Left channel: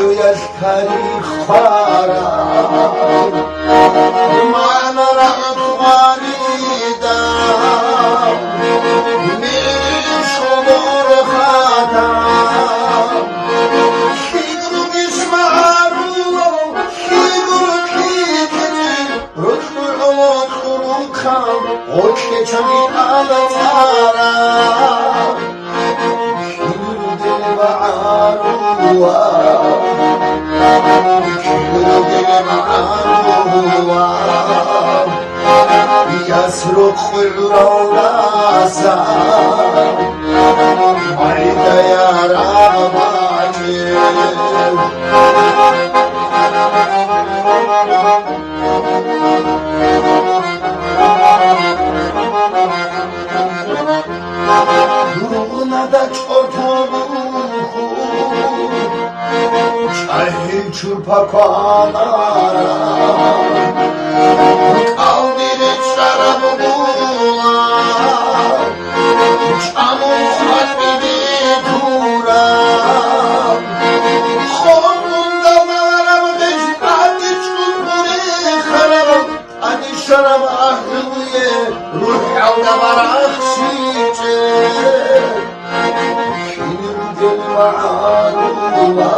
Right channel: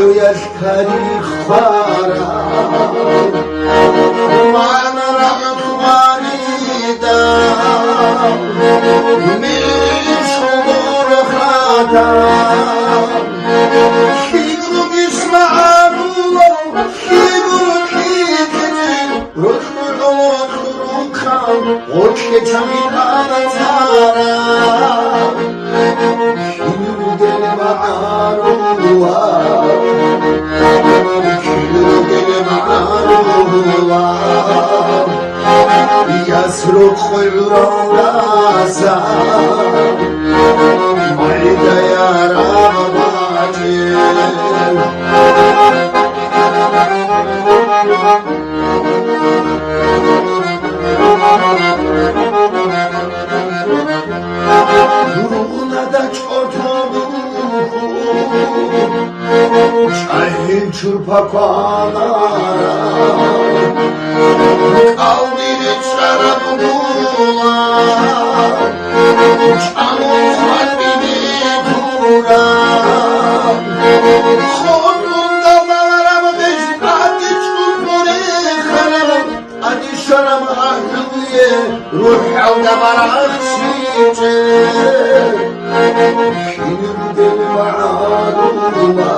يشتري خفارا معنا نطوانيدا من صدور خادا كيدو نسمعه كيدو كيدو رخوكا وكيدو أنزارا كيدو يسرق الراسا مريد يا رباني Durumuna da çok Çayı çırpa koala Kavdili çarabı durula Çamuzak bibiri dura Kolumda mağaramı beşikati çulmuri karamı Hadi şarabı ahluye Ruh avda maraşice Şimdi mağarula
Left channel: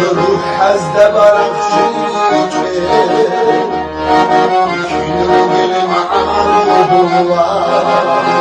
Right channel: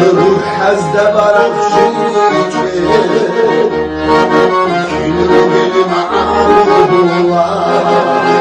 روح حزد برق شيكي شنو بالمعارض